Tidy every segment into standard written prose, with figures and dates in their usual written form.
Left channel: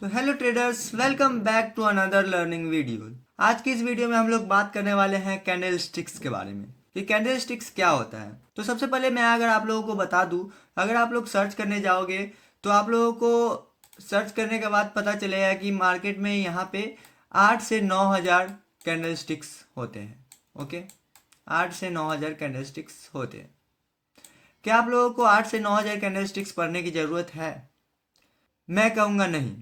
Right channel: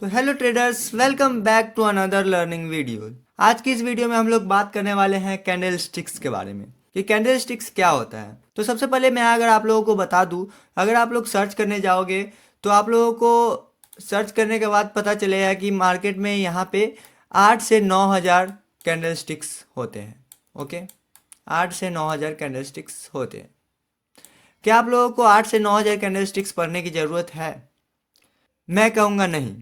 तो hello traders, welcome back to another learning video. आज की इस वीडियो में हम लोग बात करने वाले हैं कैंडल स्टिक्स के बारे में कि कैंडल स्टिक्स क्या होता है। तो सबसे पहले मैं अगर आप लोगों को बता दूं, अगर आप लोग सर्च करने जाओगे तो आप लोगों को सर्च करने के बाद पता चलेगा कि मार्केट में यहाँ पे 8 से 9 हज़ार कैंडल स्टिक्स होते हैं। ओके, 8 से 9 हज़ार कैंडल स्टिक्स होते हैं। क्या आप लोगों को 8 से 9 हज़ार कैंडल स्टिक्स पढ़ने की ज़रूरत है? मैं कहूँगा नहीं।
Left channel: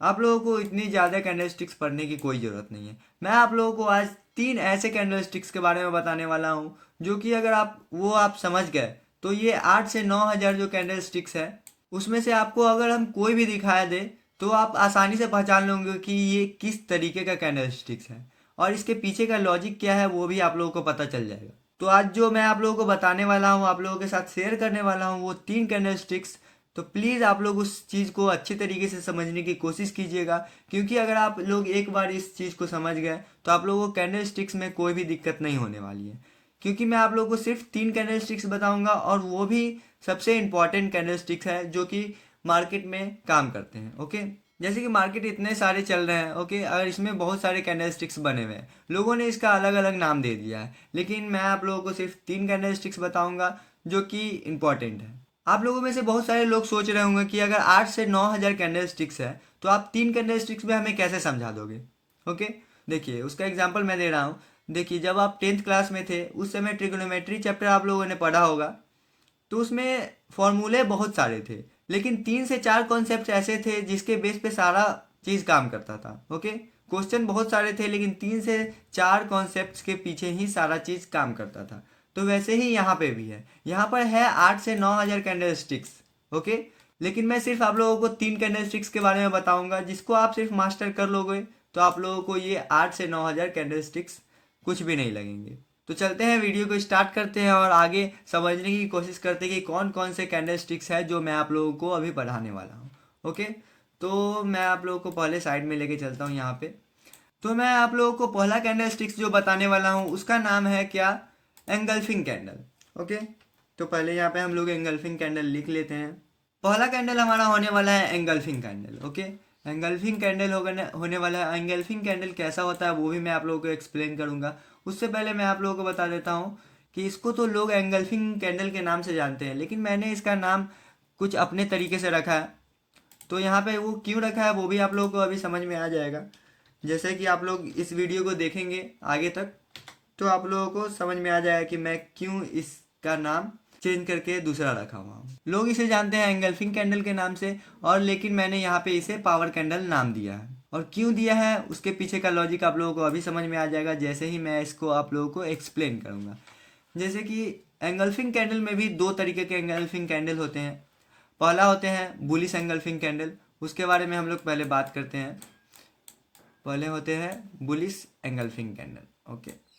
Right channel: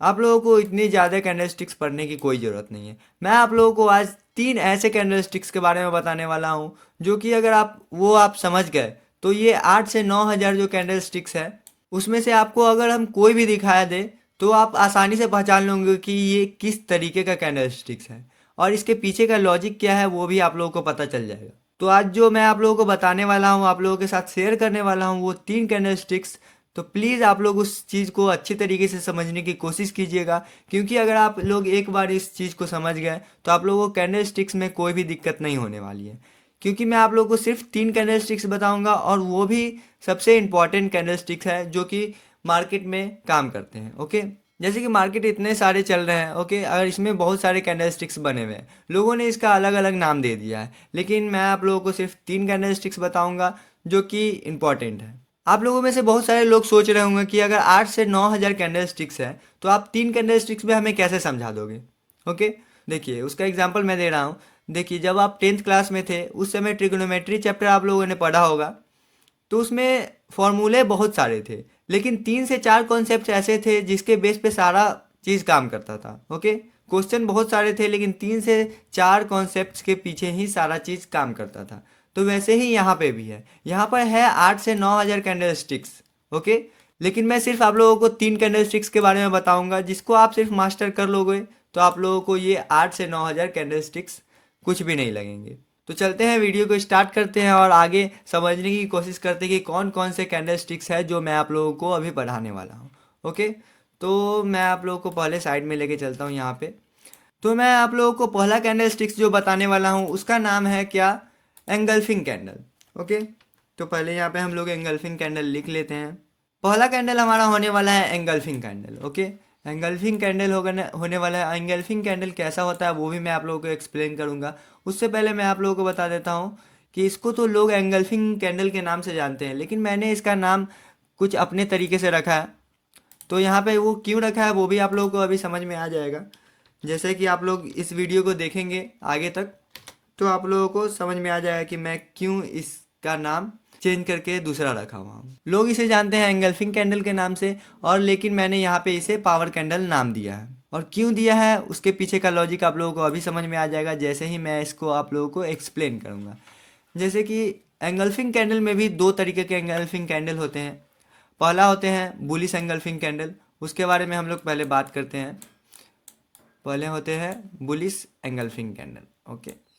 आप लोगों को इतनी ज़्यादा कैंडल स्टिक्स पढ़ने की कोई ज़रूरत नहीं है। मैं आप लोगों को आज 3 ऐसे कैंडल स्टिक्स के बारे में बताने वाला हूँ जो कि अगर आप समझ गए तो ये 8 से 9 हज़ार जो कैंडल स्टिक्स है उसमें से आपको अगर हम कोई भी दिखाया दे तो आप आसानी से पहचान लेंगे कि ये किस तरीके का कैंडल स्टिक्स है, और इसके पीछे का लॉजिक क्या है वो भी आप लोगों को पता चल जाएगा। तो आज जो मैं आप लोगों को बताने वाला हूँ, आप लोगों के साथ शेयर करने वाला हूँ, वो 3 कैंडल स्टिक्स। तो प्लीज़ आप लोग उस चीज़ को अच्छी तरीके से समझने की कोशिश कीजिएगा, क्योंकि अगर आप लोग एक बार इस चीज़ को समझ गए तो आप लोगों को कैंडल स्टिक्स में कोई भी दिक्कत नहीं होने वाली है। क्योंकि मैं आप लोगों को सिर्फ 3 कैंडल स्टिक्स बताऊंगा, और वो भी सबसे इम्पॉर्टेंट कैंडल स्टिक्स है जो कि मार्केट में काम करते हैं। ओके, जैसे कि मार्केट इतने सारे चल रहे हैं। ओके, अगर इसमें बहुत सारे कैंडल स्टिक्स बने हुए हैं, लोगों ने इसका अलग अलग नाम दे दिया है, लेकिन मैं आप लोगों को सिर्फ 3 कैंडल स्टिक्स बताऊंगा जो कि इम्पॉर्टेंट है। आप लोगों में से बहुत सारे लोग सोच रहे होंगे कि अगर 8 से 9 हज़ार कैंडल स्टिक्स है तो आप 3 कैंडल स्टिक्स में हमें कैसे समझा दोगे। ओके, देखिए उसका एग्जांपल मैं दे रहा हूँ। देखिए, जब आप 10th क्लास में थे उस समय ट्रिग्नोमेट्री चैप्टर आप लोगों ने पढ़ा होगा, तो उसमें फॉर्मूले बहुत सारे थे, लेकिन 3 से 4 कॉन्सेप्ट ऐसे थे जिसके बेस पे सारा चीज़ काम करता था। ओके, क्वेश्चन बहुत सारे थे लेकिन 3 से 4 कॉन्सेप्ट्स के पीछे ही सारा चीज़ काम करता था। तो वैसे ही यहाँ पे भी है। यहाँ पर है 8 से 9 हज़ार कैंडल स्टिक्स। ओके, लेकिन मैं सिर्फ आप लोगों को 3 कैंडल स्टिक्स के बारे में बताऊंगा, जिसको आप सिर्फ मास्टर कर लोगे तो आप लोगों को ये 8 से 9 हज़ार कैंडल स्टिक्स कुछ भी नहीं लगेंगे। तो चलते हैं, वीडियो को स्टार्ट करते हैं और आगे समझने की कोशिश करते हैं कि कौन कौन से कैंडल स्टिक्स है जो मैं आप लोगों को अभी पढ़ाने वाला हूँ। ओके, तो मैं आप लोगों को पहले साइड में लेके चलता हूँ यहाँ पे। तो मैं आप लोगों को पहला कैंडल स्टिक्स जो बताने वाला हूँ उसका नाम है क्या? Engulfing candle. ओके, तो पहले यहाँ पे हम लोग एंगल्फिंग कैंडल लिख लेते हैं। पहला कैंडल हमारा होने वाला है engulfing candle. Okay, engulfing candle होने वाला है। एंगल्फिंग कैंडल कैसा होता है वो भी मैं आप लोगों को एक्सप्लेन करूंगा। उससे पहले मैं आप लोगों को बता देता हूँ कि इसको तो लोग एंगल्फिंग कैंडल के नाम से जानते हैं, लेकिन मैंने इसका नाम कुछ अपने तरीके से रखा है। तो यहाँ पे वो क्यों रखा है वो भी आप लोगों को अभी समझ में आ जाएगा। जैसे कि आप लोग इस वीडियो को देखेंगे आगे तक तो आप लोगों को समझ में आ जाएगा कि मैं क्यों इसका नाम चेंज करके दूसरा रखा हुआ हूँ। लोग इसे जानते हैं एंगल्फिंग कैंडल के नाम से, और लेकिन मैंने यहाँ पे इसे पावर कैंडल नाम दिया है। और क्यों दिया है उसके पीछे का लॉजिक आप लोगों को अभी समझ में आ जाएगा, जैसे ही मैं इसको आप लोगों को एक्सप्लेन करूँगा। जैसे कि एंगल्फिंग कैंडल में भी 2 तरीके के एंगल्फिंग कैंडल होते हैं। पहला होते हैं बुलिश एंगल्फिंग कैंडल, उसके बारे में हम लोग पहले बात करते हैं। पहले होते हैं बुलिश एंगल्फिंग कैंडल। ओके,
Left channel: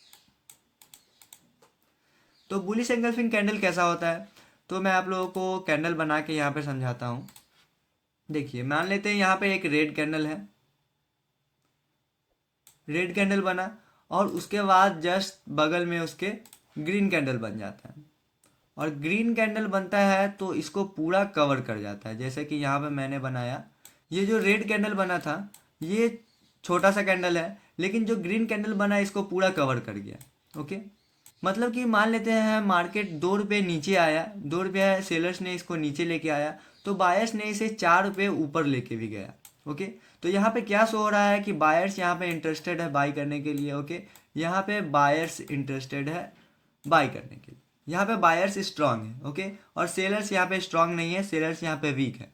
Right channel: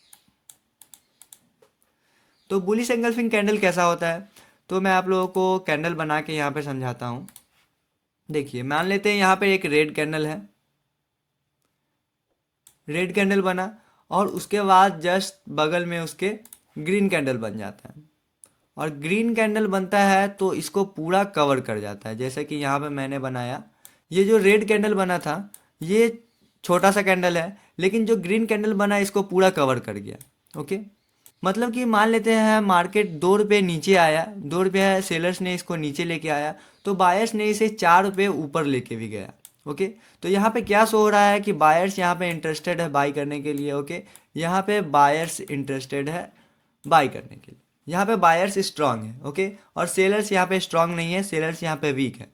तो बुलिश एंगल्फिंग कैंडल कैसा होता है, तो मैं आप लोगों को कैंडल बना के यहाँ पे समझाता हूँ। देखिए, मान लेते हैं यहाँ पे एक रेड कैंडल है। रेड कैंडल बना और उसके बाद जस्ट बगल में उसके ग्रीन कैंडल बन जाता है। और ग्रीन कैंडल बनता है तो इसको पूरा कवर कर जाता है। जैसे कि यहाँ पे मैंने बनाया, ये जो रेड कैंडल बना था ये छोटा सा कैंडल है, लेकिन जो ग्रीन कैंडल बना इसको पूरा कवर कर गया। ओके, मतलब कि मान लेते हैं मार्केट 2 रुपये नीचे आया, 2 रुपये है, सेलर्स ने इसको नीचे लेके आया तो बायर्स ने इसे 4 रुपये ऊपर लेके भी गया। ओके, तो यहाँ पे क्या शो हो रहा है कि बायर्स यहाँ पे इंटरेस्टेड है बाई करने के लिए। ओके, यहाँ पे बायर्स इंटरेस्टेड है बाई करने के लिए, यहाँ पे बायर्स स्ट्रांग है। ओके, और सेलर्स यहाँ पे स्ट्रांग नहीं है, सेलर्स यहाँ पे वीक है।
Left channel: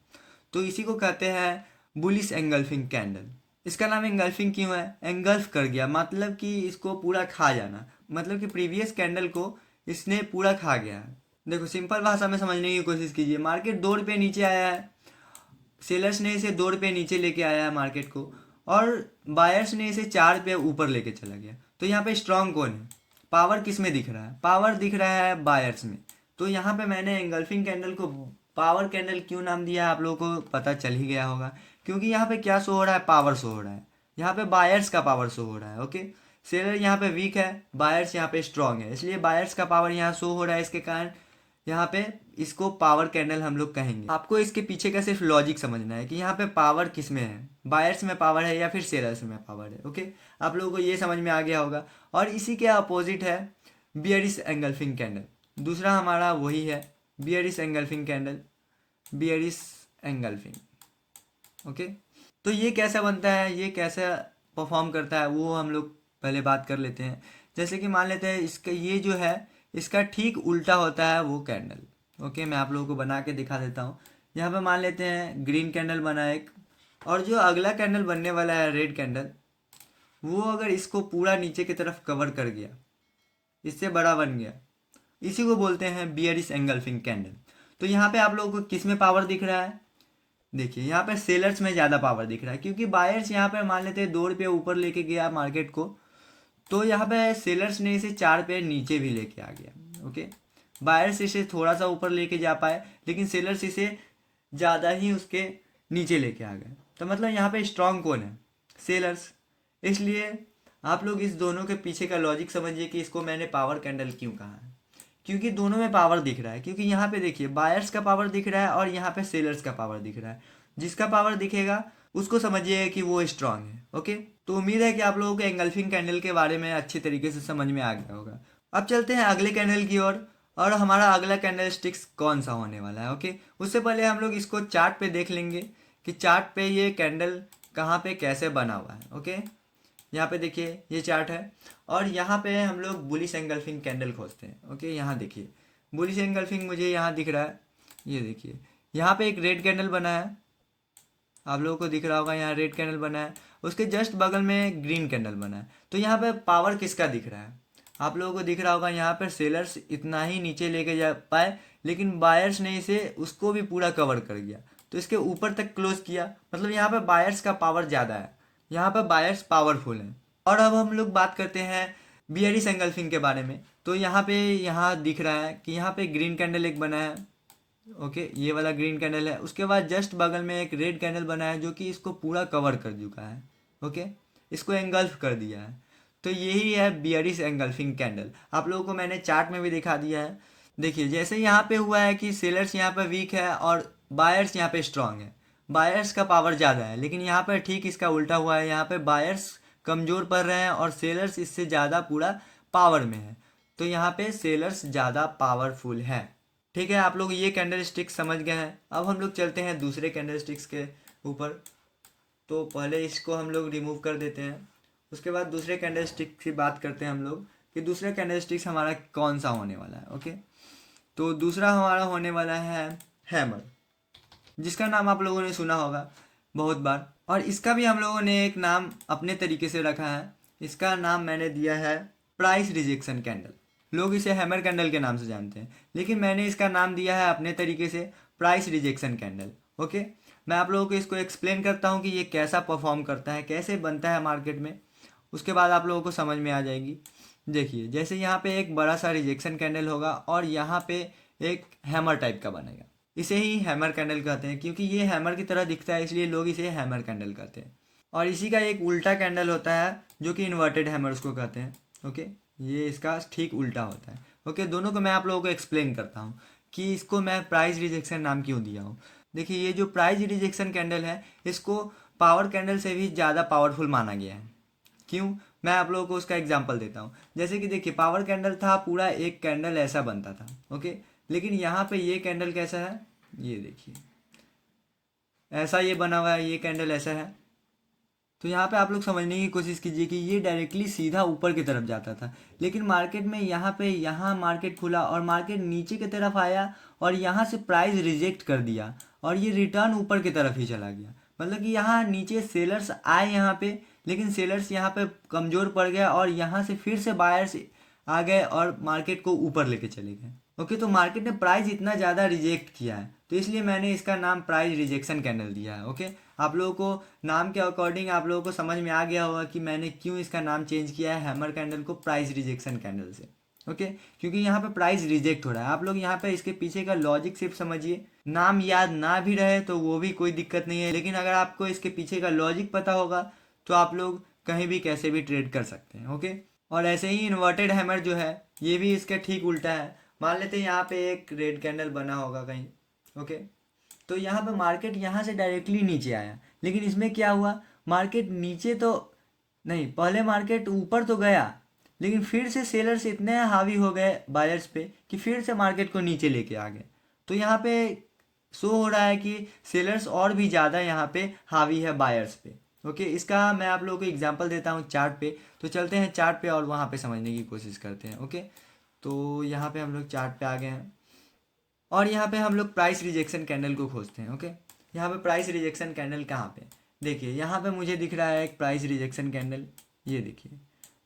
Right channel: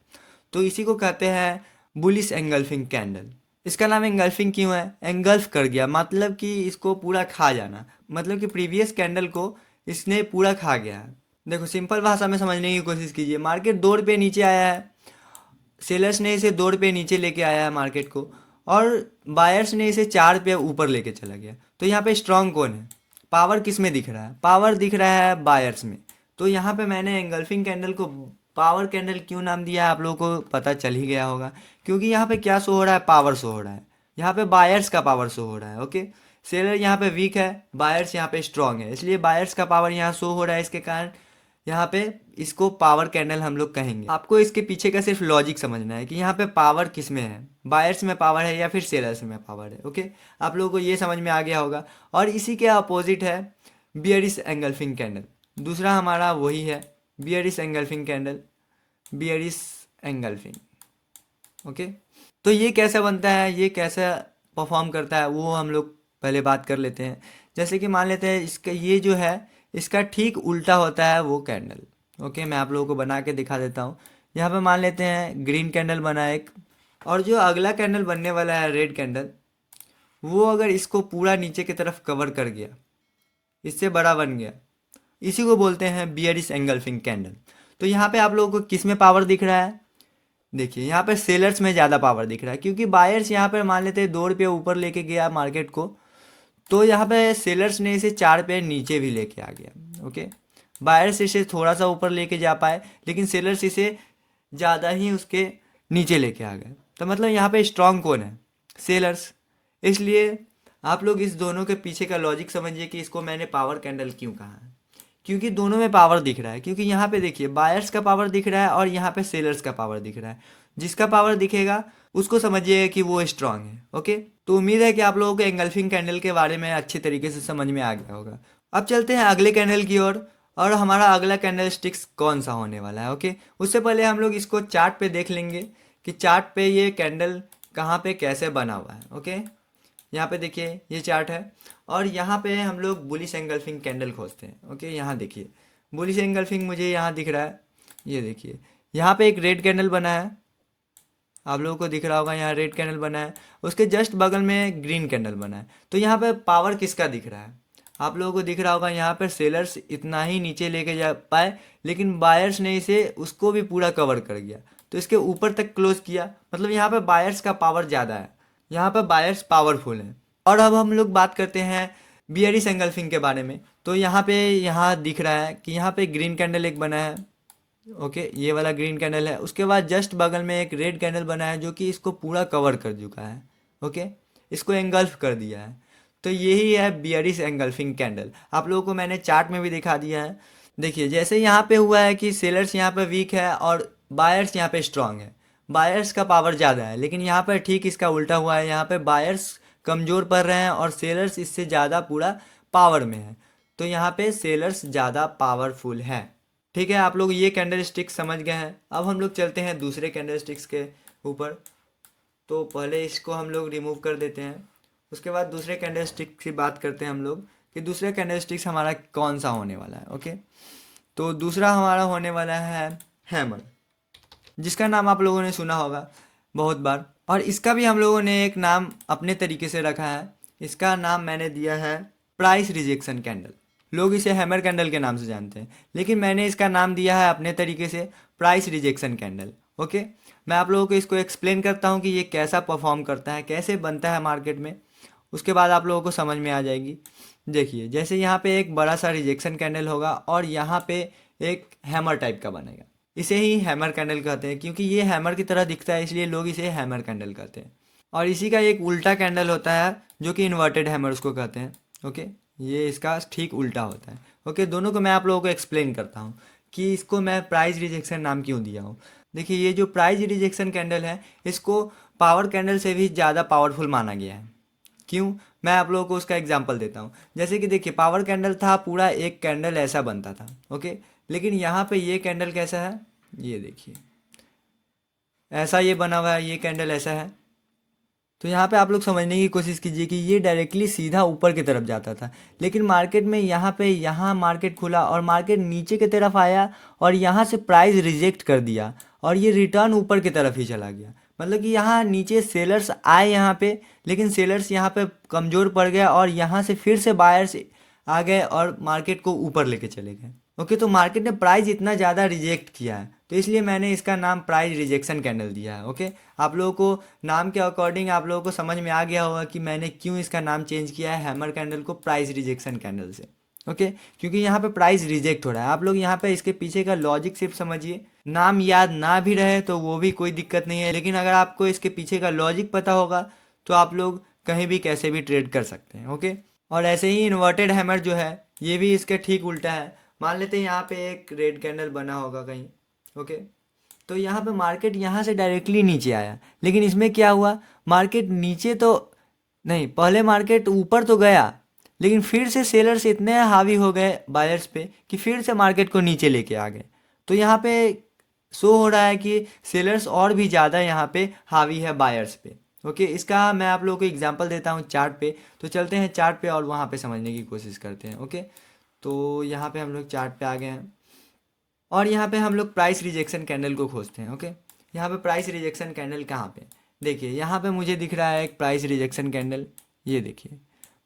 तो इसी को कहते हैं बुलिश एंगल्फिंग कैंडल। इसका नाम एंगल्फिंग क्यों है? एंगल्फ कर गया मतलब कि इसको पूरा खा जाना, मतलब कि प्रीवियस कैंडल को इसने पूरा खा गया। देखो, सिंपल भाषा में समझने की कोशिश कीजिए। मार्केट 2 रुपये नीचे आया है, सेलर्स ने इसे 2 रुपये नीचे लेके आया है मार्केट को, और बायर्स ने इसे 4 रुपये ऊपर लेके चला गया। तो यहाँ पे स्ट्रांग कौन है? पावर किस में दिख रहा है? पावर दिख रहा है बायर्स में। तो यहाँ पे मैंने एंगल्फिंग कैंडल को पावर कैंडल क्यों नाम दिया है आप लोगों को पता चल ही गया होगा, क्योंकि यहाँ पे क्या शो हो रहा है? पावर शो हो रहा है। यहाँ पे बायर्स का पावर शो हो रहा है। ओके, सेलर यहाँ पे वीक है, बायर्स यहाँ पे स्ट्रांग है, इसलिए बायर्स का पावर यहाँ शो हो रहा है। इसके कारण यहाँ पे इसको पावर कैंडल हम लोग कहेंगे। आपको इसके पीछे का सिर्फ लॉजिक समझना है कि यहाँ पे पावर किस में है, बायर्स में पावर है या फिर सेलर्स में पावर है। ओके, आप लोगों को ये समझ में आ गया होगा। और इसी के अपोजिट है बियरिश एंगल्फिंग कैंडल। दूसरा हमारा वही है, bearish engulfing candle, bearish engulfing. Okay, तो ये कैसा बनता है, ये कैसा परफॉर्म करता है, वो हम लोग पहले बात कर लेते हैं। जैसे कि मान लेते हैं इसका ये जो है, इसका ठीक उल्टा होता है वो कैंडल। ओके, मैं आप लोगों को बना के दिखा देता हूँ। यहाँ पे मान लेते हैं ग्रीन कैंडल बना एक, और जो अगला कैंडल बनने वाला है रेड कैंडल, वो अगर इसको पूरा नीचे की तरफ कवर कर गया, इससे बड़ा बन गया, इसी को बोलते हैं बियरिश एंगल्फिंग कैंडल। तो यहाँ पे आप लोगों को किस में पावर दिख रहा है, देखिए यहाँ पे सेलर्स में ज़्यादा पावर दिख रहा है, क्योंकि बायर्स यहाँ पे मान लेते हैं 2 रुपये ऊपर लेके गया मार्केट को, तो यहाँ पे सेलर्स ने इसे 4 रुपये नीचे भी लेके आ गया। ओके, बायर्स इसे थोड़ा सा ऊपर लेके जा पाए, लेकिन सेलर्स इसे ज़्यादा ही उसके नीचे लेके आ गए। तो मतलब यहाँ पे स्ट्रांग कौन है, सेलर्स। इसलिए आप लोग इस दोनों के पीछे का लॉजिक समझिए कि इसको मैंने पावर कैंडल क्यों कहा है, क्योंकि दोनों में पावर दिख रहा है। क्योंकि यहाँ पे देखिए बायर्स का पावर दिख रहा है और यहाँ पे सेलर्स का पावर दिख रहा है। जिसका पावर दिखेगा उसको समझिए कि वो स्ट्रांग है। ओके, तो उम्मीद है कि आप लोगों को एंगल्फिंग कैंडल के बारे में अच्छे तरीके से समझ में आ गया होगा। अब चलते हैं अगले कैंडल की ओर, और हमारा अगला कैंडल स्टिक्स कौन सा होने वाला है। ओके, उससे पहले हम लोग इसको चार्ट पे देख लेंगे कि चार्ट पे ये कैंडल कहाँ पे कैसे बना हुआ है। ओके, यहाँ पे देखिए ये चार्ट है, और यहाँ पे हम लोग बुलिश एंगल्फिंग कैंडल खोजते हैं। ओके, यहाँ देखिए बुलिश एंगल्फिंग मुझे यहाँ दिख रहा है। ये देखिए यहाँ पे एक रेड कैंडल बना है, आप लोगों को दिख रहा होगा, यहाँ रेड कैंडल बना है, उसके जस्ट बगल में ग्रीन कैंडल बना है। तो यहाँ पे पावर किसका दिख रहा है, आप लोगों को दिख रहा होगा यहाँ पर सेलर्स इतना ही नीचे लेके जा पाए, लेकिन बायर्स ने इसे उसको भी पूरा कवर कर गया, तो इसके ऊपर तक क्लोज किया। मतलब यहाँ पे बायर्स का पावर ज़्यादा है, यहाँ पर बायर्स पावरफुल हैं। और अब हम लोग बात करते हैं बियरिश एंगल्फिंग के बारे में। तो यहाँ पे यहाँ दिख रहा है कि यहाँ पे ग्रीन कैंडल एक बना है। ओके, ये वाला ग्रीन कैंडल है, उसके बाद जस्ट बगल में एक रेड कैंडल बना है जो कि इसको पूरा कवर कर चुका है। ओके, इसको एंगल्फ कर दिया है। तो यही है बियरिश एंगल्फिंग कैंडल। आप लोगों को मैंने चार्ट में भी दिखा दिया है। देखिए जैसे यहाँ पे हुआ है कि सेलर्स यहाँ पे वीक है और बायर्स यहाँ पे स्ट्रांग है, बायर्स का पावर ज़्यादा है, लेकिन यहाँ पर ठीक इसका उल्टा हुआ है, यहाँ पे बायर्स कमज़ोर पड़ रहे हैं और सेलर्स इससे ज़्यादा पूरा पावर में है। तो यहाँ पे सेलर्स ज़्यादा पावरफुल हैं। ठीक है, आप लोग ये कैंडल स्टिक्स समझ गए हैं। अब हम लोग चलते हैं दूसरे कैंडल स्टिक्स के ऊपर। तो पहले इसको हम लोग रिमूव कर देते हैं, उसके बाद दूसरे कैंडल स्टिक की बात करते हैं हम लोग कि दूसरे कैंडल स्टिक्स हमारा कौन सा होने वाला है। ओके, तो दूसरा हमारा होने वाला है हैमर, जिसका नाम आप लोगों ने सुना होगा बहुत बार, और इसका भी हम लोगों ने एक नाम अपने तरीके से रखा है। इसका नाम मैंने दिया है प्राइस रिजेक्शन कैंडल। लोग इसे हैमर कैंडल के नाम से जानते हैं, लेकिन मैंने इसका नाम दिया है अपने तरीके से प्राइस रिजेक्शन कैंडल। ओके, मैं आप लोगों को इसको एक्सप्लेन करता हूँ कि ये कैसा परफॉर्म करता है, कैसे बनता है मार्केट में, उसके बाद आप लोगों को समझ में आ जाएगी। देखिए जैसे यहाँ पे एक बड़ा सा रिजेक्शन कैंडल होगा और यहाँ पे एक हैमर टाइप का बनेगा, इसे ही हैमर कैंडल कहते हैं, क्योंकि ये हैमर की तरह दिखता है इसलिए लोग इसे हैमर कैंडल कहते हैं। और इसी का एक उल्टा कैंडल होता है जो कि इन्वर्टेड हैमर उसको कहते हैं। ओके, ये इसका ठीक उल्टा होता है। ओके, दोनों को मैं आप लोगों को एक्सप्लेन करता हूँ कि इसको मैं प्राइस रिजेक्शन नाम क्यों दिया हूँ। देखिए ये जो प्राइस रिजेक्शन कैंडल है, इसको पावर कैंडल से भी ज़्यादा पावरफुल माना गया है। क्यों, मैं आप लोगों को उसका एग्जांपल देता हूँ। जैसे कि देखिए पावर कैंडल था, पूरा एक कैंडल ऐसा बनता था। ओके, लेकिन यहाँ पे ये कैंडल कैसा है, ये देखिए ऐसा ये बना हुआ है, ये कैंडल ऐसा है। तो यहाँ पे आप लोग समझने की कोशिश कीजिए कि ये डायरेक्टली सीधा ऊपर की तरफ जाता था, लेकिन मार्केट में यहाँ पे यहाँ मार्केट खुला और मार्केट नीचे की तरफ आया और यहाँ से प्राइस रिजेक्ट कर दिया और ये रिटर्न ऊपर की तरफ ही चला गया। मतलब कि यहाँ नीचे सेलर्स आए यहाँ पे, लेकिन सेलर्स यहाँ पे कमज़ोर पड़ गया और यहाँ से फिर से बायर्स आ गए और मार्केट को ऊपर लेके चले गए। ओके, तो मार्केट ने प्राइस इतना ज़्यादा रिजेक्ट किया है, तो इसलिए मैंने इसका नाम प्राइस रिजेक्शन कैंडल दिया है। ओके, आप लोगों को नाम के अकॉर्डिंग आप लोगों को समझ में आ गया होगा कि मैंने क्यों इसका नाम चेंज किया है हैमर कैंडल को प्राइस रिजेक्शन कैंडल से। ओके, क्योंकि यहाँ पे प्राइस रिजेक्ट हो रहा है। आप लोग यहाँ पे इसके पीछे का लॉजिक सिर्फ समझिए, नाम याद ना भी रहे तो वो भी कोई दिक्कत नहीं है, लेकिन अगर आपको इसके पीछे का लॉजिक पता होगा तो आप लोग कहीं भी कैसे भी ट्रेड कर सकते हैं। ओके, और ऐसे ही इन्वर्टेड हैमर जो है ये भी इसके ठीक उल्टा है, मान लेते हैं यहाँ पे एक रेड कैंडल बना होगा कहीं। ओके, तो यहाँ पे मार्केट यहाँ से डायरेक्टली नीचे आया, लेकिन इसमें क्या हुआ, मार्केट नीचे तो नहीं, पहले मार्केट ऊपर तो गया, लेकिन फिर से सेलर्स इतने हावी हो गए बायर्स पे कि फिर से मार्केट को नीचे लेके आ गए। तो यहाँ पे शो हो रहा है कि सेलर्स और भी ज़्यादा यहाँ पे हावी है बायर्स पे। ओके, इसका मैं आप लोगों को एग्जांपल देता हूँ चार्ट पे। तो चलते हैं चार्ट पे और वहाँ पे समझने की कोशिश करते हैं। ओके, तो यहाँ पे हम लोग चार्ट पे आ गए हैं और यहाँ पे हम लोग प्राइस रिजेक्शन कैंडल को खोजते हैं। ओके, यहाँ पे प्राइस रिजेक्शन कैंडल कहाँ पे, देखिए यहाँ पे मुझे दिख रहा है एक प्राइस रिजेक्शन कैंडल। ये देखिए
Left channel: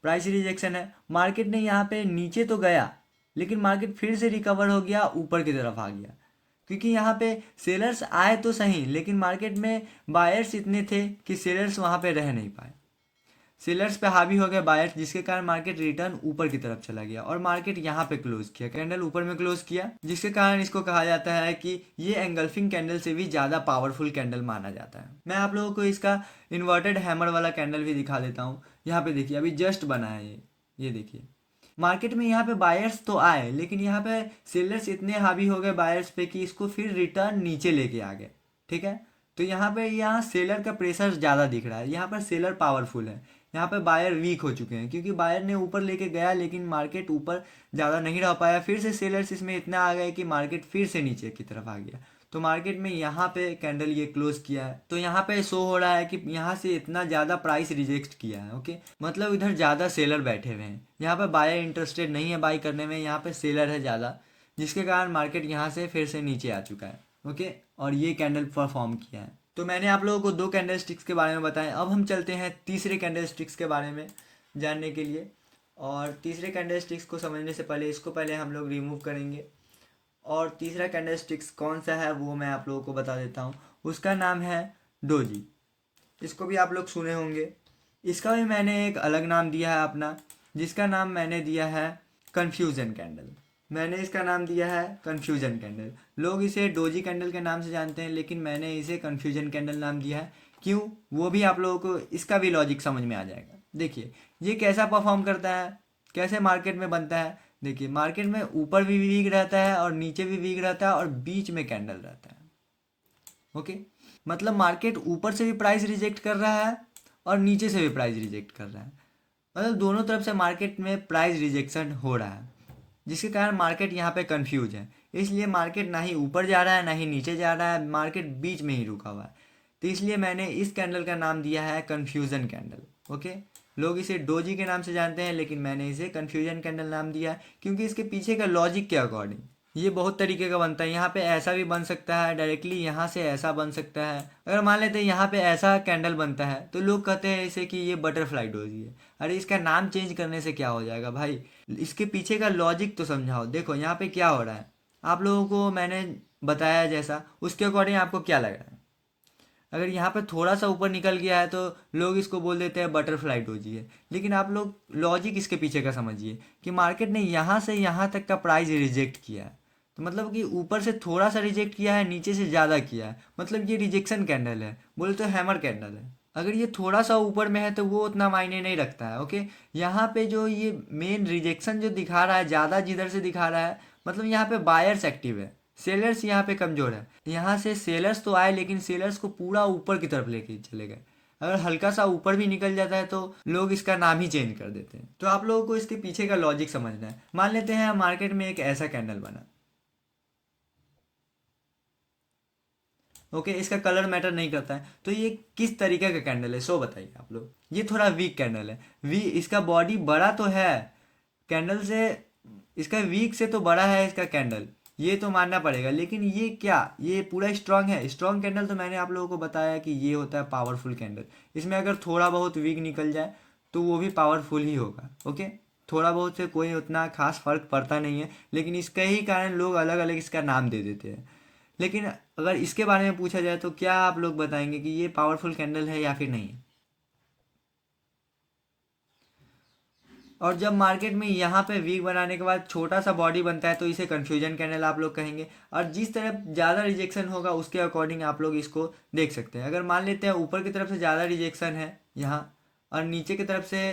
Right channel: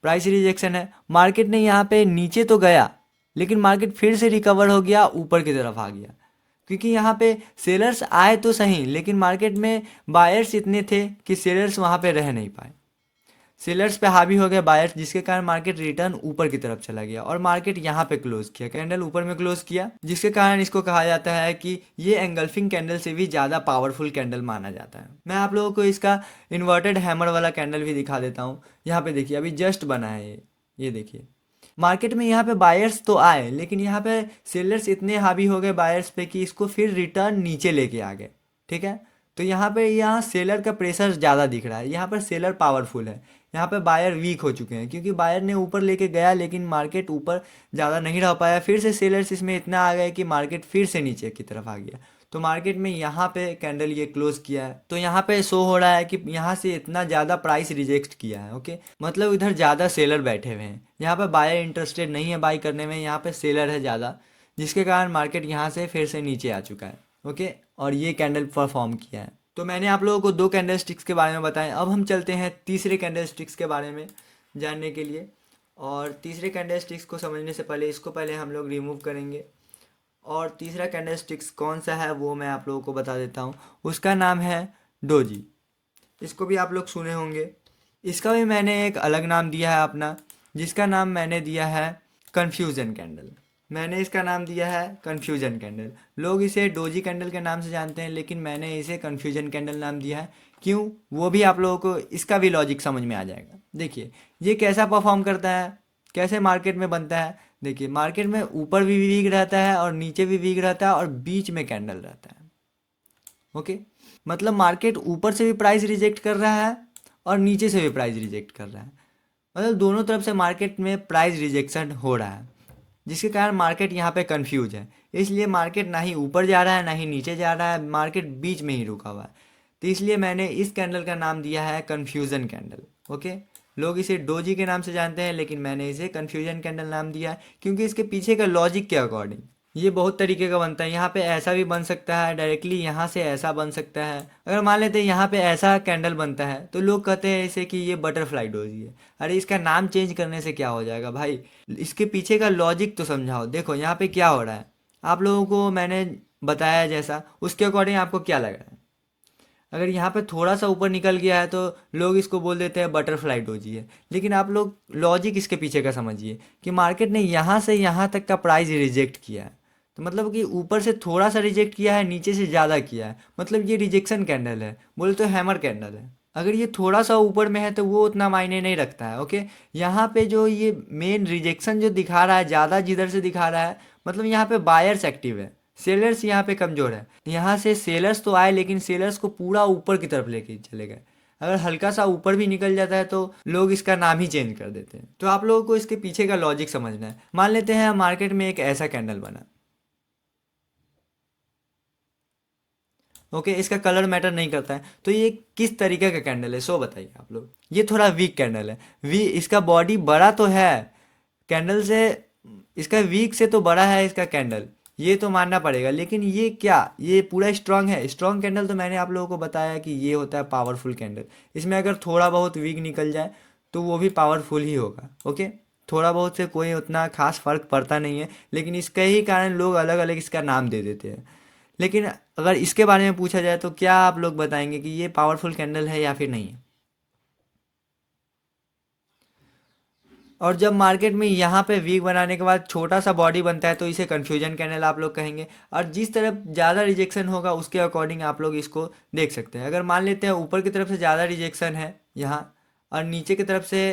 प्राइस रिजेक्शन है, मार्केट ने यहाँ पे नीचे तो गया, लेकिन मार्केट फिर से रिकवर हो गया, ऊपर की तरफ आ गया। क्योंकि यहाँ पे सेलर्स आए तो सही, लेकिन मार्केट में बायर्स इतने थे कि सेलर्स वहाँ पे रह नहीं पाए। सेलर्स पे हावी हो गया बायर्स, जिसके कारण मार्केट रिटर्न ऊपर की तरफ चला गया और मार्केट यहाँ पे क्लोज किया, कैंडल ऊपर में क्लोज किया, जिसके कारण इसको कहा जाता है कि ये एंगल्फिंग कैंडल से भी ज़्यादा पावरफुल कैंडल माना जाता है। मैं आप लोगों को इसका इन्वर्टेड हैमर वाला कैंडल भी दिखा देता हूँ। यहाँ पे देखिए अभी जस्ट बना है ये देखिए मार्केट में यहाँ पे बायर्स तो आए, लेकिन यहाँ पे सेलर्स इतने हावी हो गए बायर्स पे कि इसको फिर रिटर्न नीचे लेके आ गए। ठीक है, तो यहाँ सेलर का प्रेशर ज़्यादा दिख रहा है, यहाँ पर सेलर पावरफुल है, यहाँ पे बायर वीक हो चुके हैं, क्योंकि बायर ने ऊपर लेके गया लेकिन मार्केट ऊपर ज़्यादा नहीं रह पाया, फिर से सेलर्स इसमें इतना आ गए कि मार्केट फिर से नीचे की तरफ आ गया। तो मार्केट में यहाँ पे कैंडल ये क्लोज किया है, तो यहाँ पे शो हो रहा है कि यहाँ से इतना ज़्यादा प्राइस रिजेक्ट किया है। ओके, मतलब इधर ज़्यादा सेलर बैठे हुए हैं, यहाँ पे बायर इंटरेस्टेड नहीं है बाई करने में, यहाँ पे सेलर है ज़्यादा, जिसके कारण मार्केट यहाँ से फिर से नीचे आ चुका है। ओके, और ये कैंडल परफॉर्म किया है। तो मैंने आप लोगों को दो कैंडल स्टिक्स के बारे में बताया, अब हम चलते हैं तीसरे कैंडल स्टिक्स के बारे में जानने के लिए। और तीसरे कैंडल स्टिक्स को समझने से पहले इसको पहले हम लोग रिमूव करेंगे। और तीसरा कैंडल स्टिक्स कौन सा है वो मैं आप लोगों को बता देता हूँ, उसका नाम है डोजी। इसको भी आप लोग सुने होंगे, इसका भी मैंने एक अलग नाम दिया है अपना, जिसका नाम मैंने दिया है कन्फ्यूज़न कैंडल। मैंने इसका नाम दिया है कन्फ्यूजन कैंडल। लोग इसे डोजी कैंडल के नाम से जानते हैं, लेकिन मैंने इसे कन्फ्यूजन कैंडल नाम दिया है। क्यों, वो भी आप लोगों को इसका भी लॉजिक समझ में आ जाएगा। देखिए ये कैसा परफॉर्म करता है, कैसे मार्केट में बनता है। देखिए मार्केट में ऊपर भी वीक रहता है और नीचे भी वीक रहता है और बीच में कैंडल रहता है। ओके, मतलब मार्केट ऊपर से भी प्राइस रिजेक्ट कर रहा है और नीचे से भी प्राइस रिजेक्ट कर रहा है, मतलब दोनों तरफ से मार्केट में प्राइस रिजेक्शन हो रहा है, जिसके कारण मार्केट यहाँ पे कंफ्यूज है। इसलिए मार्केट ना ही ऊपर जा रहा है ना ही नीचे जा रहा है, मार्केट बीच में ही रुका हुआ है। तो इसलिए मैंने इस कैंडल का नाम दिया है कन्फ्यूज़न कैंडल। ओके, लोग इसे डोजी के नाम से जानते हैं, लेकिन मैंने इसे कन्फ्यूजन कैंडल नाम दिया है, क्योंकि इसके पीछे का लॉजिक के अकॉर्डिंग ये बहुत तरीके का बनता है। यहाँ पे ऐसा भी बन सकता है, डायरेक्टली यहाँ से ऐसा बन सकता है। अगर मान लेते हैं यहाँ पे ऐसा कैंडल बनता है, तो लोग कहते हैं इसे कि ये बटरफ्लाई डोजी है। अरे इसका नाम चेंज करने से क्या हो जाएगा भाई, इसके पीछे का लॉजिक तो समझाओ। देखो यहाँ पे क्या हो रहा है, आप लोगों को मैंने बताया जैसा, उसके अकॉर्डिंग आपको क्या लग रहा है। अगर यहाँ पे थोड़ा सा ऊपर निकल गया है तो लोग इसको बोल देते हैं बटरफ्लाई डोजी है, लेकिन आप लोग लॉजिक इसके पीछे का समझिए कि मार्केट ने यहाँ से यहाँ तक का प्राइस रिजेक्ट किया है, तो मतलब कि ऊपर से थोड़ा सा रिजेक्ट किया है, नीचे से ज़्यादा किया है, मतलब ये रिजेक्शन कैंडल है, बोले तो हैमर कैंडल है। अगर ये थोड़ा सा ऊपर में है तो वो उतना मायने नहीं रखता है। ओके, यहाँ पे जो ये मेन रिजेक्शन जो दिखा रहा है, ज़्यादा जिधर से दिखा रहा है, मतलब यहाँ पे बायर्स एक्टिव है, सेलर्स यहाँ पे कमज़ोर है। यहाँ से सेलर्स तो आए, लेकिन सेलर्स को पूरा ऊपर की तरफ लेके चले गए। अगर हल्का सा ऊपर भी निकल जाता है तो लोग इसका नाम ही चेंज कर देते हैं। तो आप लोगों को इसके पीछे का लॉजिक समझना है। मान लेते हैं मार्केट में एक ऐसा कैंडल बना। ओके, इसका कलर मैटर नहीं करता है, तो ये किस तरीके का कैंडल है सो बताइए आप लोग। ये थोड़ा वीक कैंडल है, इसका बॉडी बड़ा तो है कैंडल से, इसका वीक से तो बड़ा है इसका कैंडल, ये तो मानना पड़ेगा। लेकिन ये क्या, ये पूरा स्ट्रांग है? स्ट्रांग कैंडल तो मैंने आप लोगों को बताया कि ये होता है पावरफुल कैंडल। इसमें अगर थोड़ा बहुत वीक निकल जाए तो वो भी पावरफुल ही होगा। ओके, थोड़ा बहुत से कोई उतना खास फर्क पड़ता नहीं है, लेकिन इसके ही कारण लोग अलग अलग इसका नाम दे देते हैं। लेकिन अगर इसके बारे में पूछा जाए तो क्या आप लोग बताएंगे कि ये पावरफुल कैंडल है या फिर नहीं? और जब मार्केट में यहाँ पे वीक बनाने के बाद छोटा सा बॉडी बनता है तो इसे कन्फ्यूजन कैंडल आप लोग कहेंगे। और जिस तरफ ज़्यादा रिजेक्शन होगा उसके अकॉर्डिंग आप लोग इसको देख सकते हैं। अगर मान लेते हैं ऊपर की तरफ से ज़्यादा रिजेक्शन है यहाँ और नीचे की तरफ से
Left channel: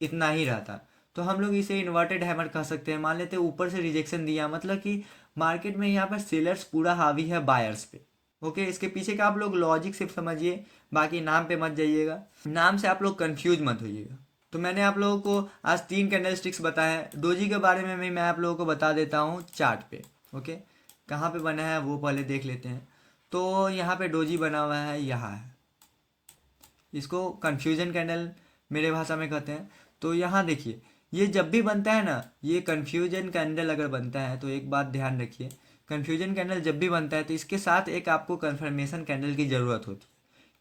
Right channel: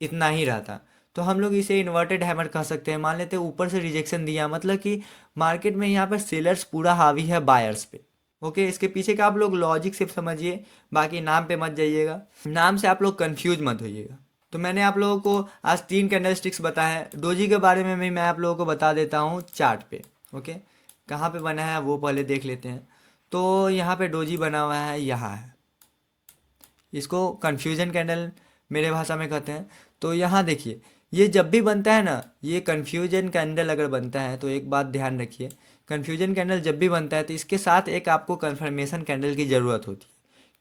इतना ही रहता, तो हम लोग इसे इन्वर्टेड हैमर कह सकते हैं। मान लेते हैं ऊपर से रिजेक्शन दिया, मतलब कि मार्केट में यहाँ पर सेलर्स पूरा हावी है बायर्स पे। ओके, इसके पीछे का आप लोग लॉजिक सिर्फ समझिए, बाकी नाम पे मत जाइएगा, नाम से आप लोग कंफ्यूज मत होइएगा। तो मैंने आप लोगों को आज 3 कैंडल स्टिक्स बताए हैं। डोजी के बारे में भी मैं आप लोगों को बता देता हूँ चार्ट पे। ओके, कहाँ पे बना है वो पहले देख लेते हैं। तो यहाँ पे डोजी बना हुआ है, यहाँ है। इसको कन्फ्यूजन कैंडल मेरे भाषा में कहते हैं। तो यहाँ देखिए, ये जब भी बनता है ना, ये कन्फ्यूजन कैंडल अगर बनता है तो एक बात ध्यान रखिए, कन्फ्यूजन कैंडल जब भी बनता है तो इसके साथ एक आपको कन्फर्मेशन कैंडल की ज़रूरत होती है।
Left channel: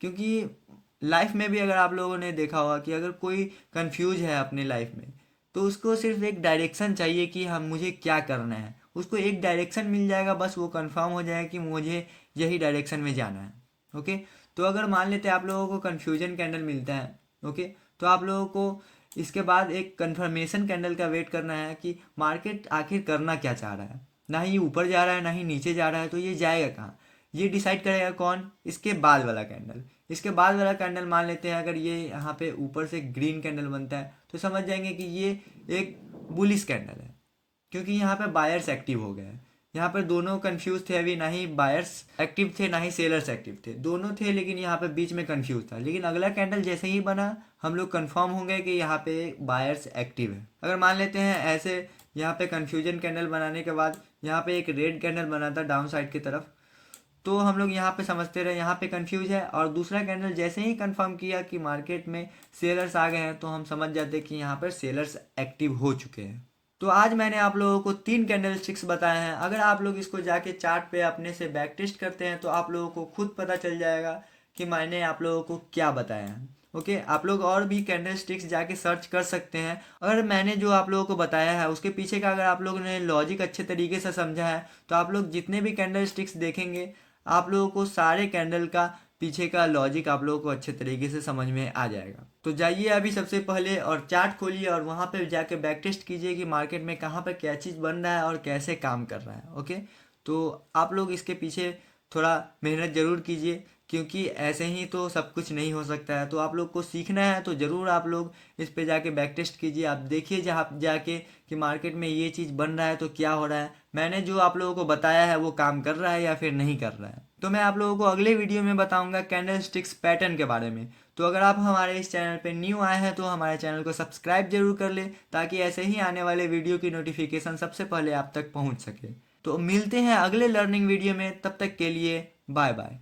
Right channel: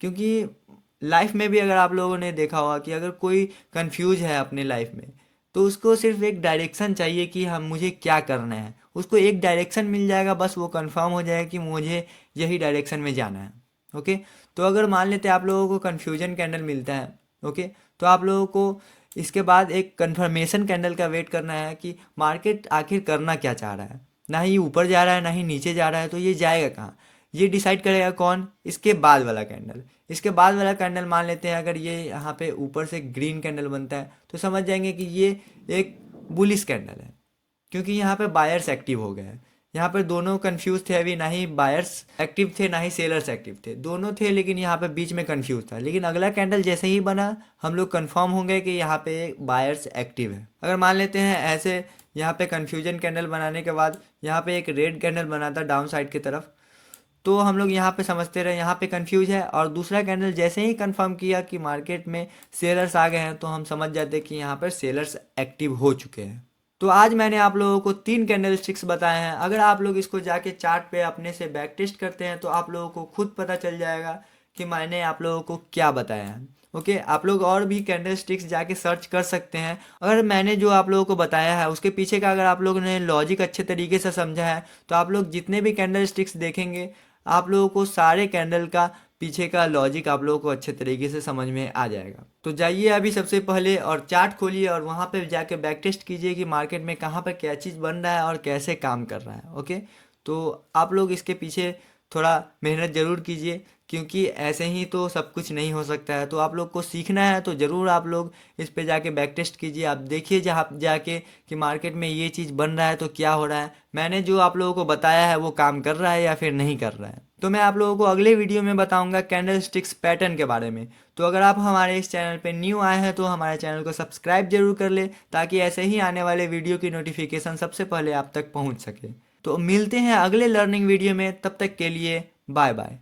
क्योंकि लाइफ में भी अगर आप लोगों ने देखा होगा कि अगर कोई कंफ्यूज है अपने लाइफ में, तो उसको सिर्फ एक डायरेक्शन चाहिए कि हम मुझे क्या करना है। उसको एक डायरेक्शन मिल जाएगा, बस वो कंफर्म हो जाएगा कि मुझे यही डायरेक्शन में जाना है। ओके, तो अगर मान लेते हैं आप लोगों को कन्फ्यूजन कैंडल मिलता है, ओके, तो आप लोगों को इसके बाद एक कंफर्मेशन कैंडल का वेट करना है कि मार्केट आखिर करना क्या चाह रहा है। ना ही ऊपर जा रहा है ना ही नीचे जा रहा है, तो ये जाएगा कहाँ, ये डिसाइड करेगा कौन, इसके बाद वाला कैंडल। इसके बाद वाला कैंडल मान लेते हैं अगर ये यहाँ पे ऊपर से ग्रीन कैंडल बनता है तो समझ जाएंगे कि ये एक बुलिश कैंडल है, क्योंकि यहाँ पे बायर्स एक्टिव हो गए हैं। यहाँ पे दोनों कंफ्यूज थे, अभी ना ही बायर्स एक्टिव थे ना ही सेलर्स एक्टिव थे, दोनों थे, लेकिन यहाँ पे बीच में कंफ्यूज था। लेकिन अगला कैंडल जैसे ही बना हम लोग कंफर्म होंगे कि यहाँ पे बायर्स एक्टिव है। अगर मान लेते हैं ऐसे यहाँ पे कंफ्यूजन कैंडल बनाने के बाद यहाँ पे एक रेड कैंडल बना था डाउन साइड की तरफ, तो हम लोग यहाँ पे समझते रहे यहाँ पे कंफ्यूज है, और दूसरा कैंडल जैसे ही कंफर्म किया कि मार्केट में सेलर्स आ गए हैं तो हम समझ जाते कि यहाँ पर सेलर्स एक्टिव हो चुके हैं। तो आज मैंने आप लोगों को 3 कैंडल स्टिक्स बताए हैं। अगर आप लोग इसको जाके चार्ट पे अपने से बैक टेस्ट करते हैं तो आप लोगों को खुद पता चल जाएगा कि मैंने आप लोगों को क्या बताया है। ओके, आप लोग और भी कैंडल स्टिक्स जाके सर्च कर सकते हैं। अगर मैंने जो आप लोगों को बताया है उसके पीछे का अगर आप लोगों ने लॉजिक अच्छे तरीके से समझा है तो आप लोग जितने भी कैंडल स्टिक्स देखेंगे आप लोगों को सारे कैंडल का पीछे का लॉजिक आप लोगों को अच्छे तरीके से समझ में आ जाएगा। तो जाइए अभी सबसे पहले और चार्ट खोलिए और वहाँ पे जाके बैक टेस्ट कीजिए कि मार्केट में कहाँ पर क्या चीज़ बन रहा है और कैसे काम कर रहा है। ओके, तो आप लोग इसके पीछे थोड़ा मेहनत ज़रूर कीजिए, क्योंकि ऐसे ही तो सब कुछ नहीं हो सकता है। तो आप लोग को सीखना है तो ज़रूर आप लोग इस पे जाके बैक टेस्ट कीजिए। आप देखिए जहाँ जाके कि मार्केट में ये चीज़ बन रहा है तो क्या हो रहा है, मैंने जो आप लोगों को बताया है वो काम कर रहा है या फिर नहीं कर रहा है। तो मैं आप लोगों को अगले वीडियो में बताऊंगा कैंडल स्टिक्स पैटर्न के बारे में। तो अगर आप हमारे इस चैनल पे न्यू आए हैं तो हमारे चैनल को सब्सक्राइब जरूर कर ले, ताकि ऐसे ही आने वाले वीडियो की नोटिफिकेशन सबसे पहले आप तक पहुंच सके। तो मिलते हैं अगले लर्निंग वीडियो में, तब तक के लिए बाय बाय।